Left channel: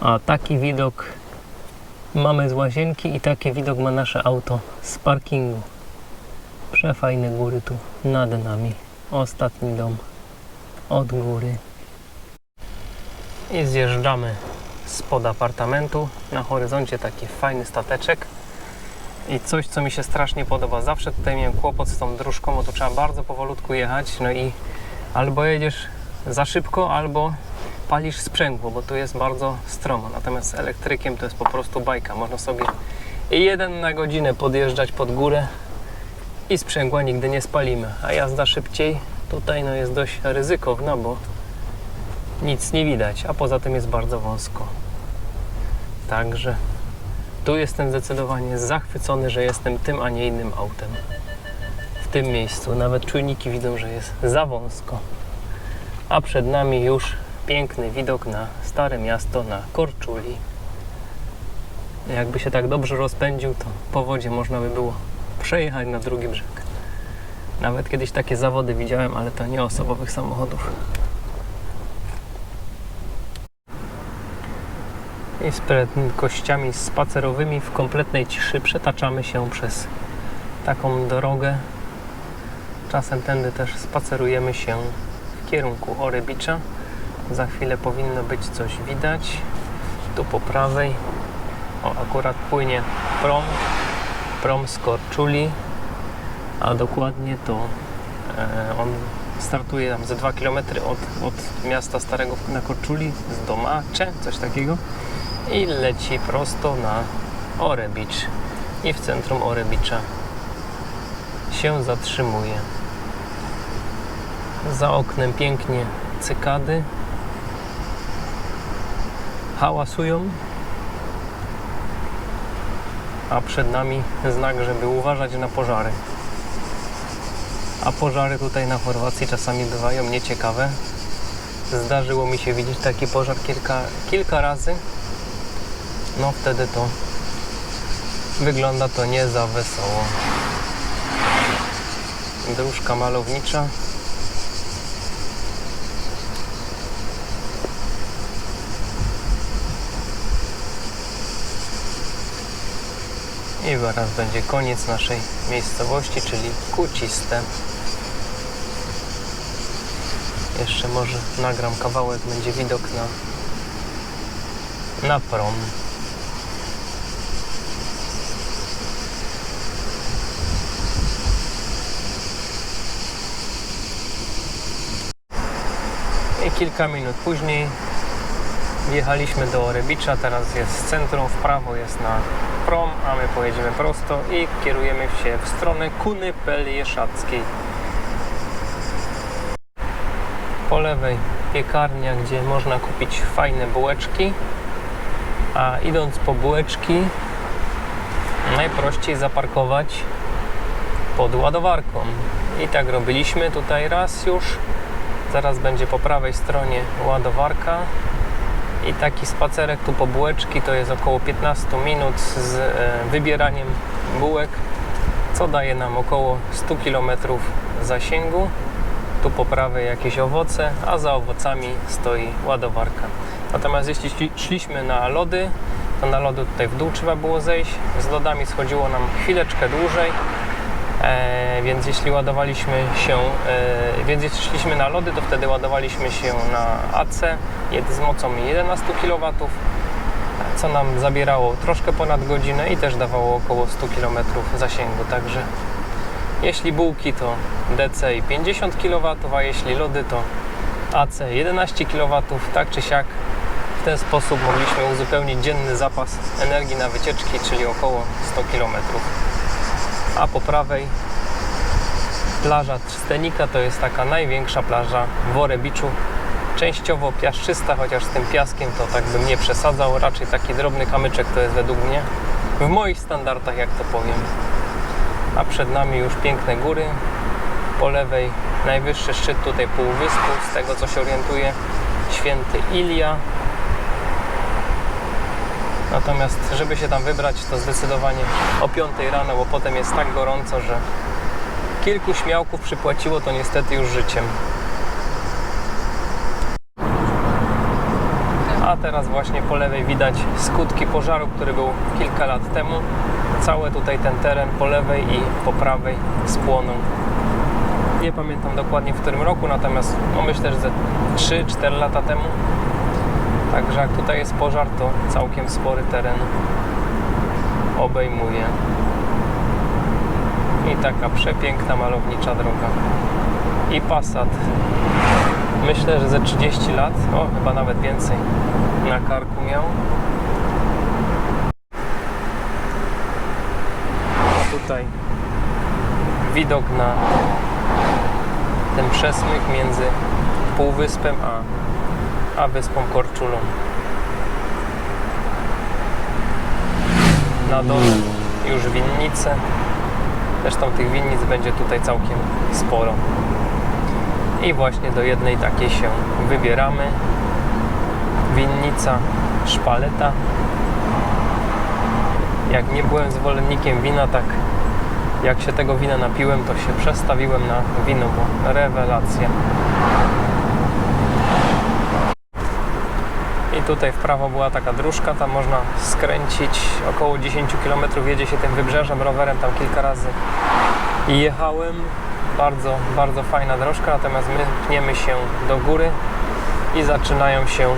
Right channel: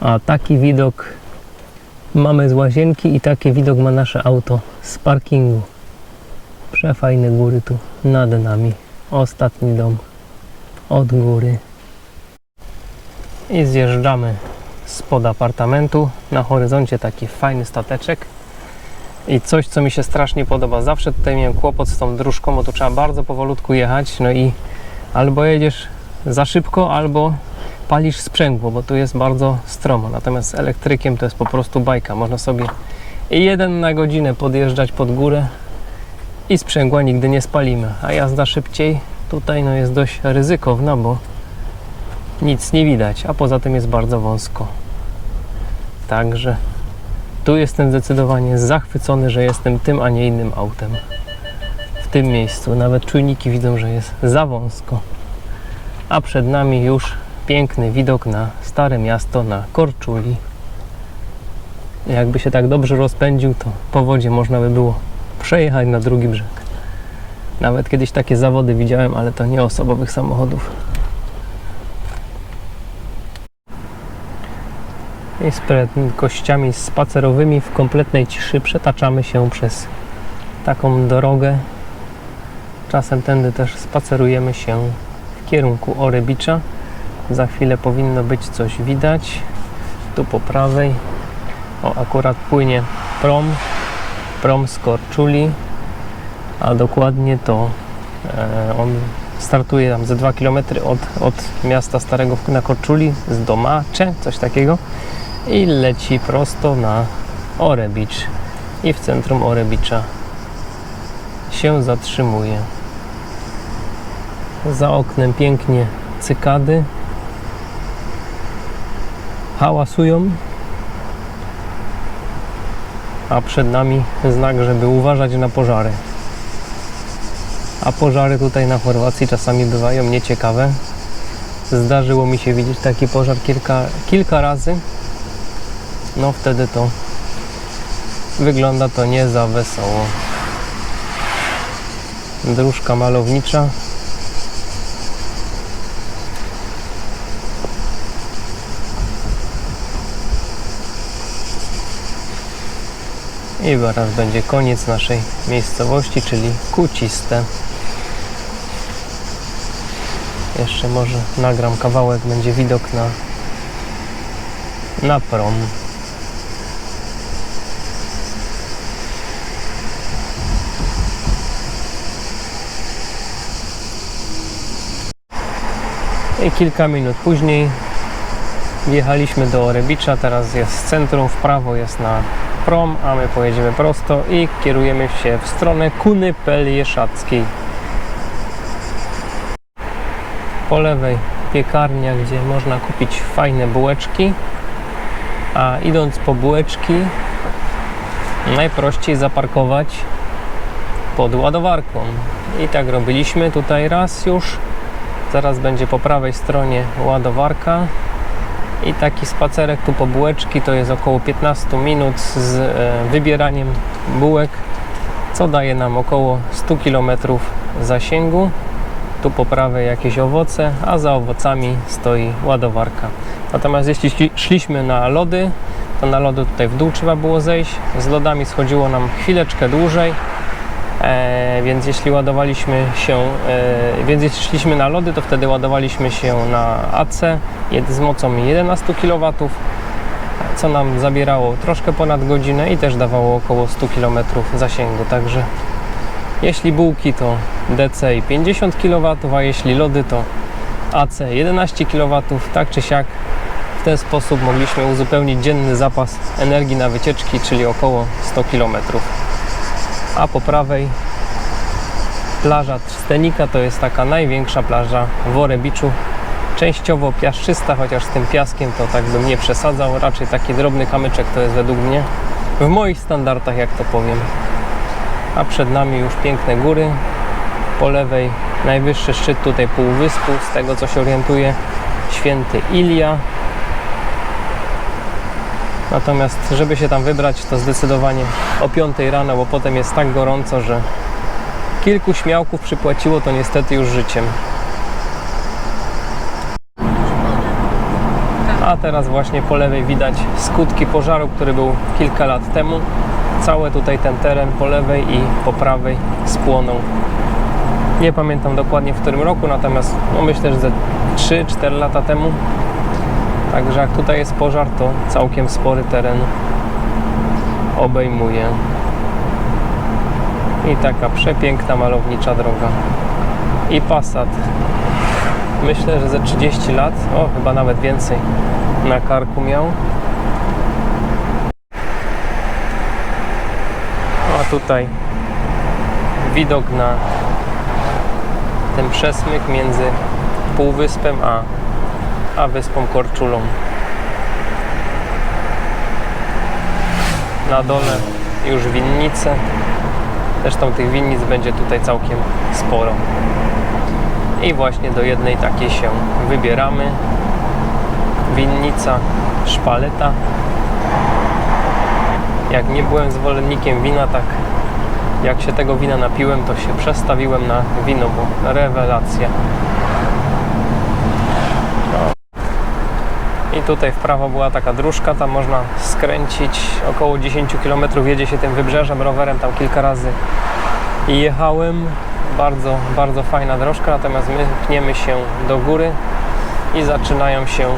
A taki widok mamy z łazienki i taki widok ma nasze auto z parkingu. Przefajne góry tu nad nami. Ostatni dom od góry. I zjeżdżamy spod apartamentu. Na horyzoncie taki fajny stateczek. I coś, co mi się strasznie podoba. Zawsze tutaj miałem kłopot z tą dróżką, bo tu trzeba bardzo powolutku jechać. No i albo jedziesz za szybko, albo palisz sprzęgło, bo tu jest bardzo stromo. Natomiast elektrykiem to jest po prostu bajka. Można sobie jeden na godzinę podjeżdżać pod górę i sprzęgła nigdy nie spalimy. A jazda szybciej tutaj no jest dość ryzykowna, bo nic nie widać, a poza tym jest bardzo wąsko. Także tu jestem zdecydowanie zachwycony, że jestem tym, a nie innym autem. W tym miejscu nawet czujniki widzą, że jest za wąsko. A przed nami już piękny widok na stare miasto, na Korczuli. Jakby się tak dobrze rozpędził, to po wodzie można by było przejechać na drugi brzeg. Nawet kiedyś takie zawody widziałem, ale to nie osobowych samochodów. I z prędkościami spacerowymi w kompletnej ciszy przetaczamy się przez taką drogę. Czasem tędy też spacerujemy się w kierunku Orebicza. Za chwilę powinno być coś widać. Tu po prawej. O, akurat płynie prom. Prom z Korczuli. A dokładnie to e, on startuje tam ze 2 km od, od miasta Starego na Korczuli, z Domacze, coś takiego i leci prosto na Orebicz i w centrum Orebicza się zatrzymuje. Za oknem pięknie cykady hałasują, a przed nami znak, żeby uważać na pożary. A pożary tutaj na Chorwacji czasami bywają nieciekawe. Zdarzyło mi się widzieć taki pożar kilka, kilka razy no wtedy to wygląda to nie za wesoło. Dróżka malownicza. I zaraz będzie koniec naszej miejscowości, czyli Kuciste. Jeszcze może nagram kawałek, będzie widok na, na prom. I kilka minut później wjechaliśmy do Orebicza, teraz jest centrum, w prawo jest na prom, a my pojedziemy prosto i kierujemy się w stronę Kuny Pelieszackiej. Po lewej piekarnia, gdzie można kupić fajne bułeczki, a idąc po bułeczki najprościej zaparkować pod ładowarką. I tak robiliśmy tutaj raz już. Zaraz będzie po prawej stronie ładowarka. I taki spacerek tu po bułeczki to jest około 15 minut z e, wybieraniem bułek, co daje nam około 100 km zasięgu. Tu po prawej jakieś owoce, a za owocami stoi ładowarka. Natomiast jeśli szli- szliśmy na lody, to na lody tutaj w dół trzeba było zejść. Z lodami schodziło nam chwileczkę dłużej. E, więc jeśli ładowaliśmy się, e, więc jeśli szliśmy na lody, to wtedy ładowaliśmy się na AC z mocą 11 kW, co nam zabierało troszkę ponad godzinę i też dawało około 100 km zasięgu. Także jeśli bułki to DC i 50 kW, a jeśli lody to AC 11 kW, tak czy siak w ten sposób mogliśmy uzupełnić dzienny zapas energii na wycieczki, czyli około 100 km a po prawej plaża Trstenika to jest taka największa plaża w Orebiczu. Częściowo piaszczysta, chociaż z tym piaskiem to tak bym nie przesadzał. Raczej taki drobny kamyczek to jest według mnie w moich standardach, jak to powiem. A przed nami już piękne góry. Po lewej najwyższy szczyt tutaj półwyspu, z tego co się orientuję, święty Ilia. Natomiast, żeby się tam wybrać, to zdecydowanie o 5 rano, bo potem jest tak gorąco, że kilku śmiałków przypłaciło to niestety już życiem. A teraz właśnie po lewej widać skutki pożaru, który był kilka lat temu. Cały tutaj ten teren po lewej i po prawej spłonął. Nie pamiętam dokładnie w którym roku, natomiast no myślę, że ze 3-4 lata temu. Także jak tutaj jest pożar, to całkiem spory teren obejmuje. I taka przepiękna, malownicza droga. I Passat. Myślę, że ze 30 lat, o chyba nawet więcej, na karku miał. A tutaj widok na ten przesmyk między Półwyspem a, a Wyspą Korczulą. Na dole już winnice. Zresztą tych winnic będzie tutaj całkiem sporo. I właśnie do jednej takiej się wybieramy. Winnica Szpaleta. Jak nie byłem zwolennikiem wina, tak jak się tego wina napiłem, to się przestawiłem na wino, bo rewelacja. I tutaj w prawo była taka dróżka, tam można skręcić około 10 km, jedzie się tym wybrzeżem, rowerem tam kilka razy jechałem. Bardzo, bardzo fajna drożka, natomiast my pniemy się do góry i zaczynają się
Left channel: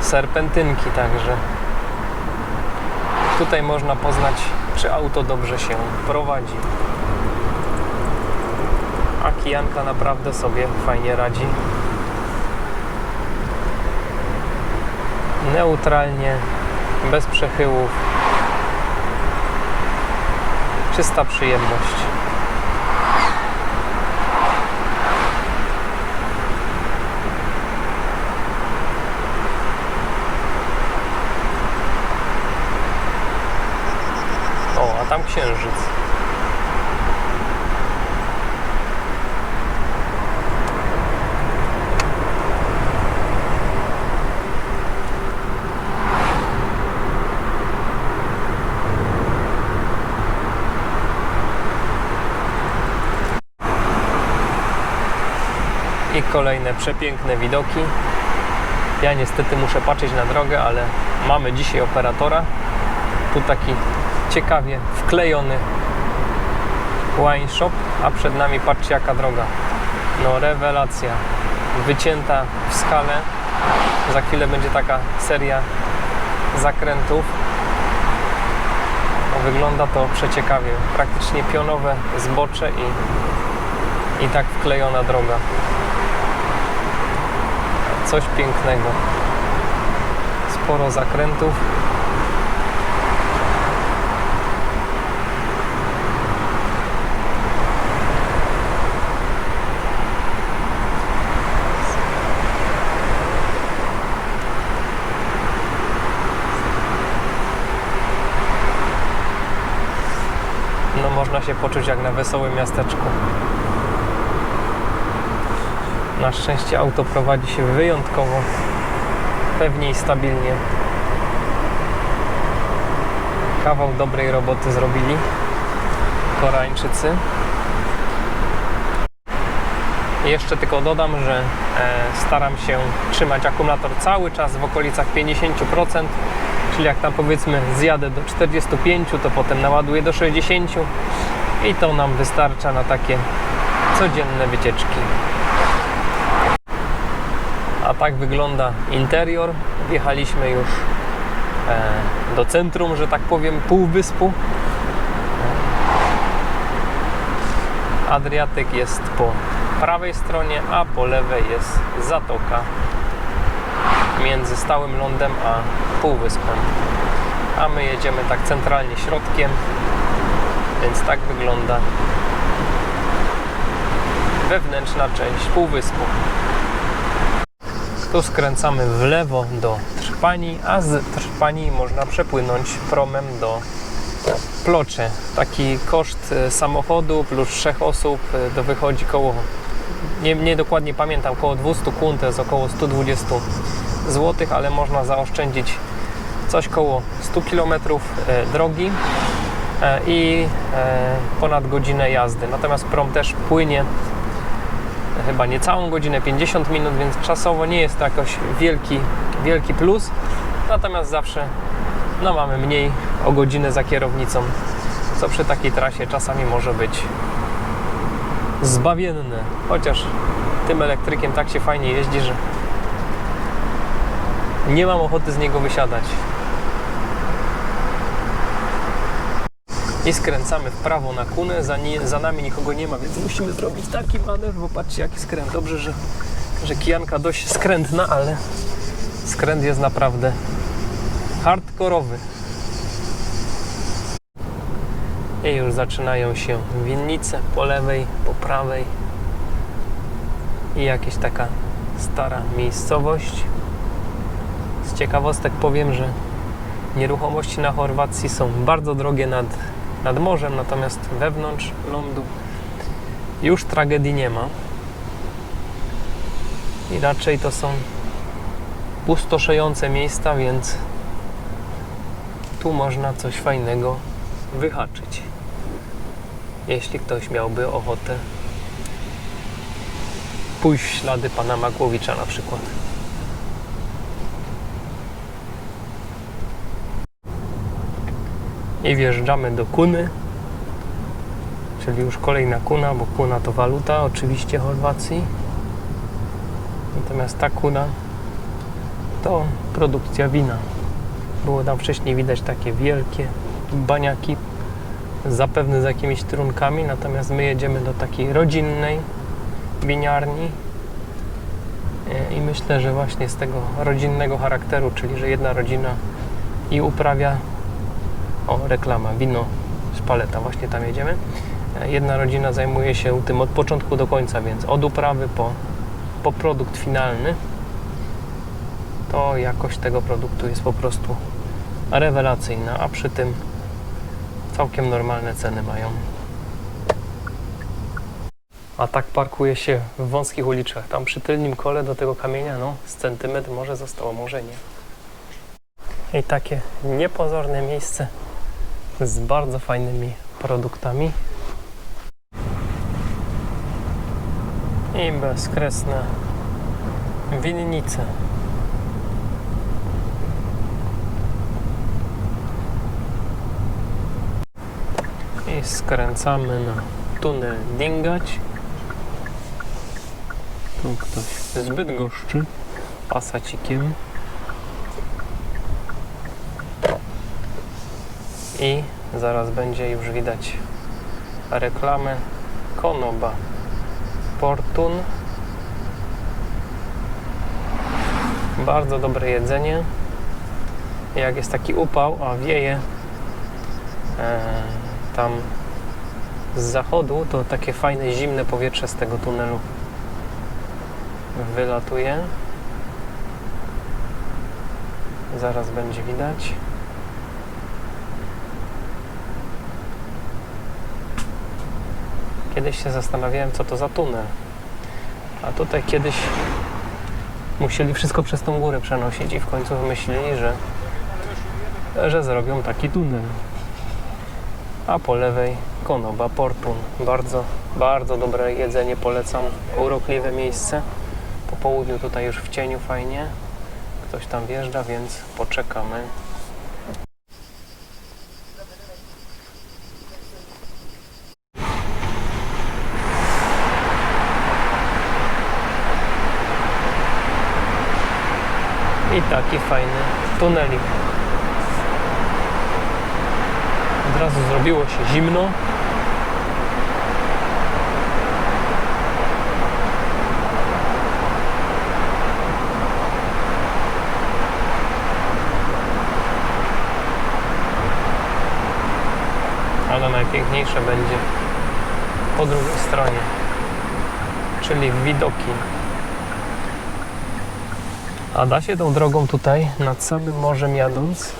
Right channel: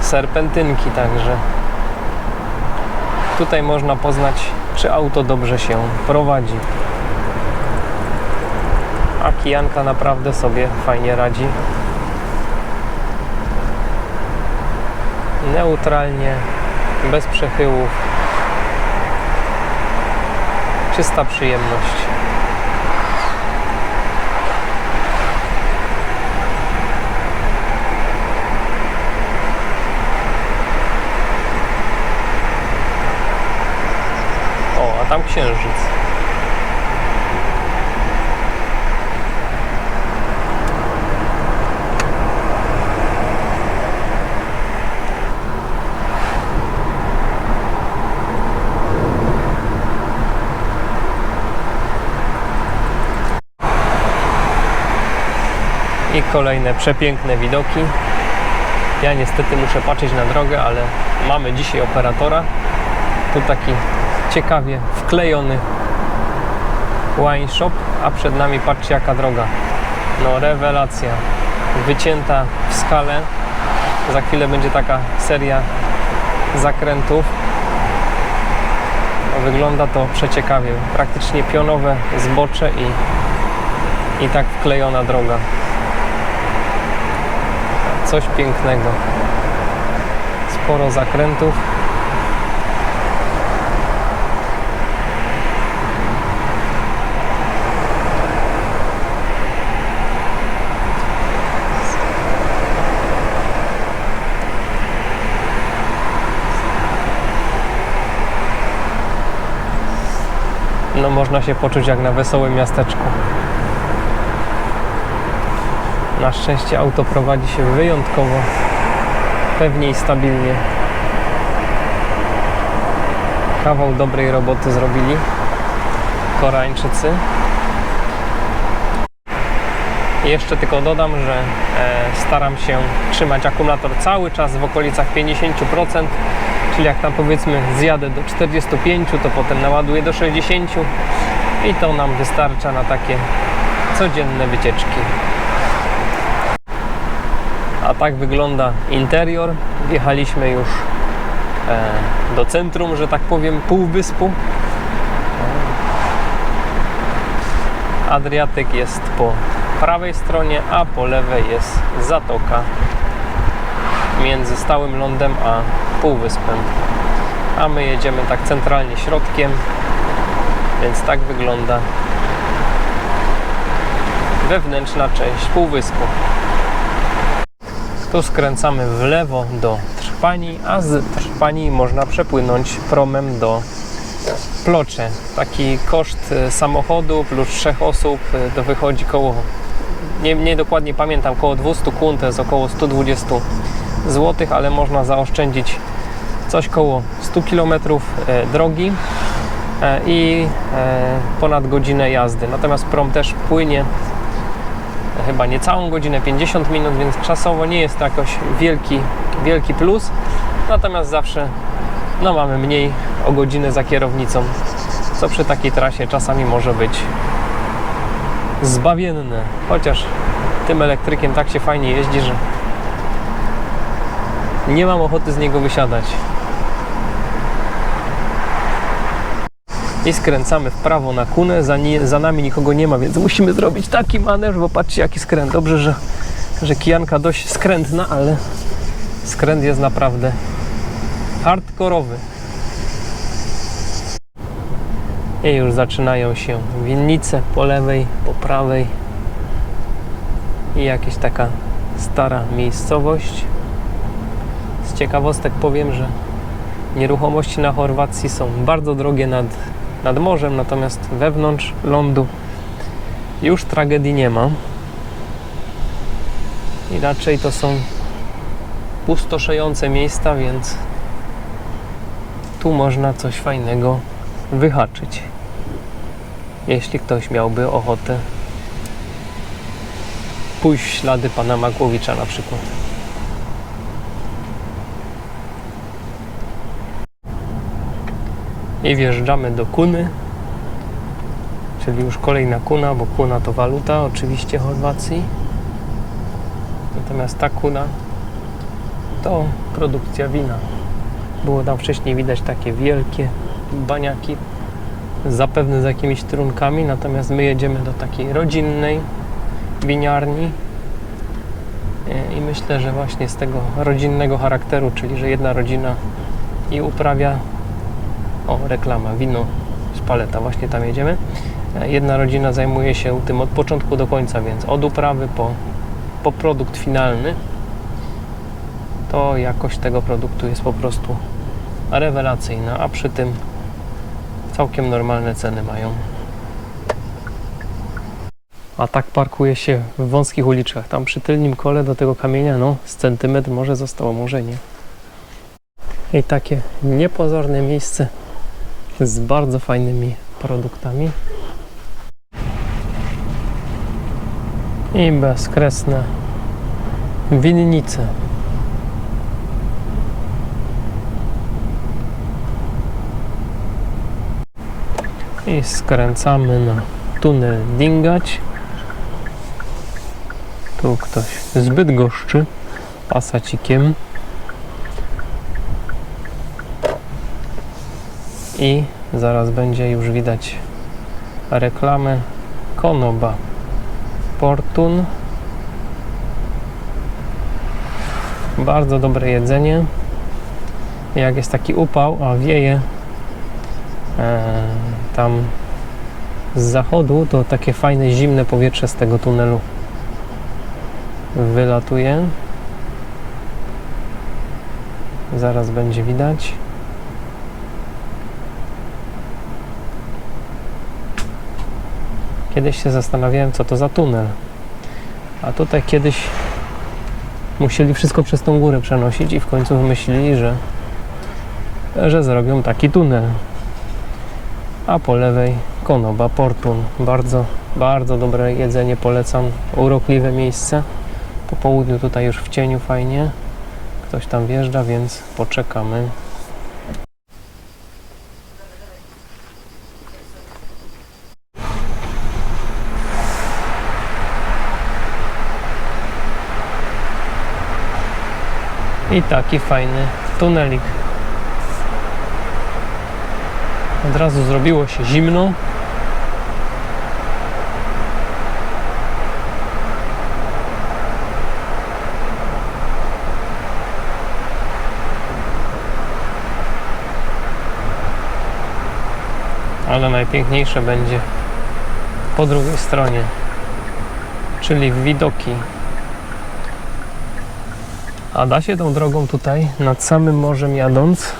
serpentynki, także tutaj można poznać, czy auto dobrze się prowadzi. A kijanka naprawdę sobie fajnie radzi. Neutralnie, bez przechyłów. Czysta przyjemność. O, a tam księżyc. Kolejne przepiękne widoki. Ja niestety muszę patrzeć na drogę, ale mamy dzisiaj operatora. Tu taki ciekawie wklejony wine shop, a przed nami patrzcie jaka droga. No rewelacja. Wycięta w skale. Za chwilę będzie taka seria zakrętów. No, wygląda to przeciekawie. Praktycznie pionowe zbocze i, i tak wklejona droga. Coś pięknego. Sporo zakrętów. No można się poczuć jak na wesołym miasteczku. Na szczęście auto prowadzi się wyjątkowo pewnie i stabilnie. Kawał dobrej roboty zrobili Koreańczycy. Jeszcze tylko dodam, że e, staram się trzymać akumulator cały czas w okolicach 50%, czyli jak tam powiedzmy zjadę do 45, to potem naładuję do 60 i to nam wystarcza na takie codzienne wycieczki. A tak wygląda interior. Wjechaliśmy już e, do centrum, że tak powiem, półwyspu. Adriatyk jest po prawej stronie, a po lewej jest zatoka między stałym lądem a półwyspem. A my jedziemy tak centralnie środkiem, więc tak wygląda wewnętrzna część półwyspu. Tu skręcamy w lewo do Trpani, a z Trpani można przepłynąć promem do Plocze. Taki koszt e, samochodu plus trzech osób e, to wychodzi koło, nie, nie dokładnie pamiętam, koło 200 kun, to jest około 120 zł, ale można zaoszczędzić coś koło 100 km drogi e, i e, ponad godzinę jazdy. Natomiast prom też płynie chyba niecałą godzinę, 50 minut, więc czasowo nie jest to jakoś wielki wielki plus. Natomiast zawsze no, mamy mniej o godzinę za kierownicą, co przy takiej trasie czasami może być zbawienne. Chociaż tym elektrykiem tak się fajnie jeździ, że nie mam ochoty z niego wysiadać. I skręcamy w prawo na kunę, za, ni- za nami nikogo nie ma, więc musimy zrobić taki manewr, bo patrzcie jaki skręt. Dobrze, że, że kijanka dość skrętna, ale skręt jest naprawdę hardkorowy. I już zaczynają się winnice po lewej, po prawej i jakaś taka stara miejscowość. Z ciekawostek powiem, że nieruchomości na Chorwacji są bardzo drogie nad, nad morzem, natomiast wewnątrz lądu już tragedii nie ma. I raczej to są pustoszejące miejsca, więc tu można coś fajnego wyhaczyć. Jeśli ktoś miałby ochotę pójść w ślady pana Makłowicza na przykład. I wjeżdżamy do Kuny, czyli już kolejna Kuna, bo Kuna to waluta oczywiście Chorwacji. Natomiast ta Kuna to produkcja wina. Było tam wcześniej widać takie wielkie baniaki, zapewne z jakimiś trunkami, natomiast my jedziemy do takiej rodzinnej winiarni E, i myślę, że właśnie z tego rodzinnego charakteru, czyli że jedna rodzina i uprawia o, reklama, wino z paleta, właśnie tam jedziemy. E, Jedna rodzina zajmuje się tym od początku do końca, więc od uprawy po, po produkt finalny. To jakość tego produktu jest po prostu rewelacyjna, a przy tym całkiem normalne ceny mają. A tak parkuje się w wąskich uliczkach. Tam przy tylnym kole do tego kamienia, no z centymetr może zostało, może nie. I takie niepozorne miejsce z bardzo fajnymi produktami. I bezkresne winnice. I skręcamy na tunel Dingać. Tu ktoś zbyt goszczy pasacikiem. I zaraz będzie już widać reklamę Konoba Portun. Bardzo dobre jedzenie. Jak jest taki upał, a wieje e, tam z zachodu, to takie fajne zimne powietrze z tego tunelu wylatuje. Zaraz będzie widać. Kiedyś się zastanawiałem, co to za tunel. A tutaj kiedyś musieli wszystko przez tą górę przenosić i w końcu wymyślili, że, że zrobią taki tunel. A po lewej Konoba Portun. Bardzo, bardzo dobre jedzenie, polecam. Urokliwe miejsce. Po południu tutaj już w cieniu fajnie. Ktoś tam wjeżdża, więc poczekamy. I taki fajny tunelik. Od razu zrobiło się zimno. Ale najpiękniejsze będzie po drugiej stronie, czyli widoki. A da się tą drogą tutaj, nad samym morzem jadąc,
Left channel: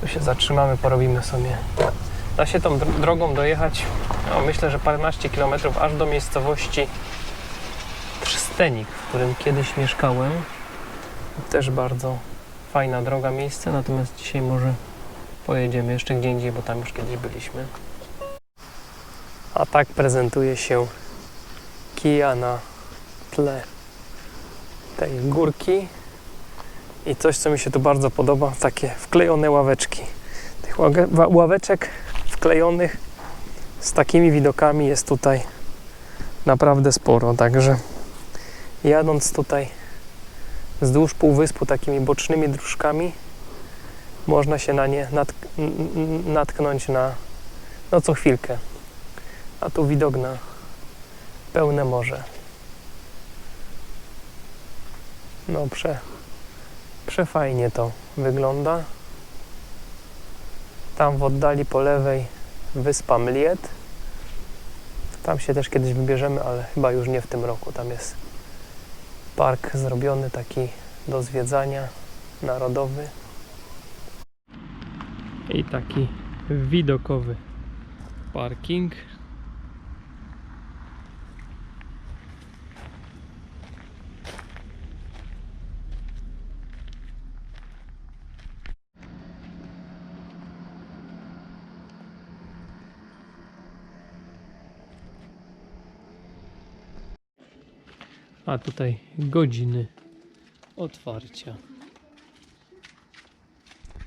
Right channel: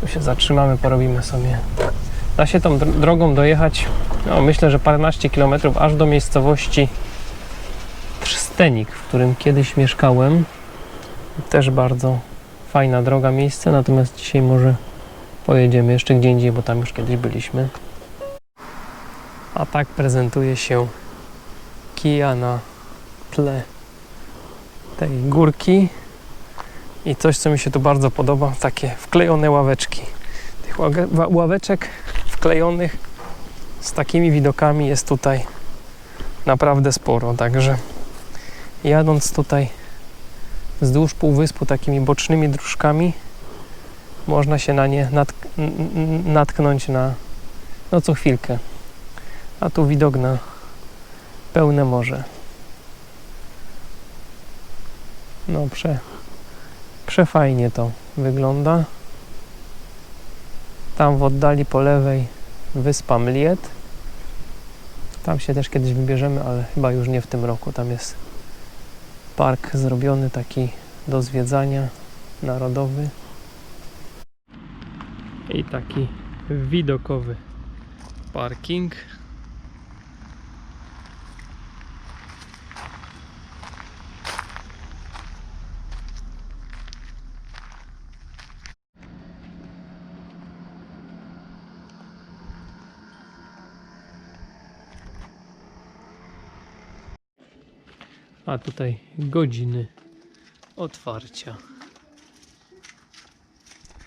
tu się zatrzymamy, porobimy sobie. Da się tą dr- drogą dojechać, no myślę, że paręnaście kilometrów, aż do miejscowości Trzstenik, w którym kiedyś mieszkałem. Też bardzo fajna droga, miejsce, natomiast dzisiaj może pojedziemy jeszcze gdzie indziej, bo tam już kiedyś byliśmy. A tak prezentuje się kija na tle tej górki. I coś, co mi się tu bardzo podoba, takie wklejone ławeczki. Tych ławeczek wklejonych z takimi widokami jest tutaj naprawdę sporo. Także jadąc tutaj wzdłuż półwyspu takimi bocznymi dróżkami, można się na nie natk- natknąć na no co chwilkę. A tu widok na pełne morze. No prze, przefajnie to wygląda. Tam w oddali po lewej wyspa Mliet. Tam się też kiedyś wybierzemy, ale chyba już nie w tym roku. Tam jest park zrobiony taki do zwiedzania narodowy. I taki widokowy parking. A tutaj godziny otwarcia.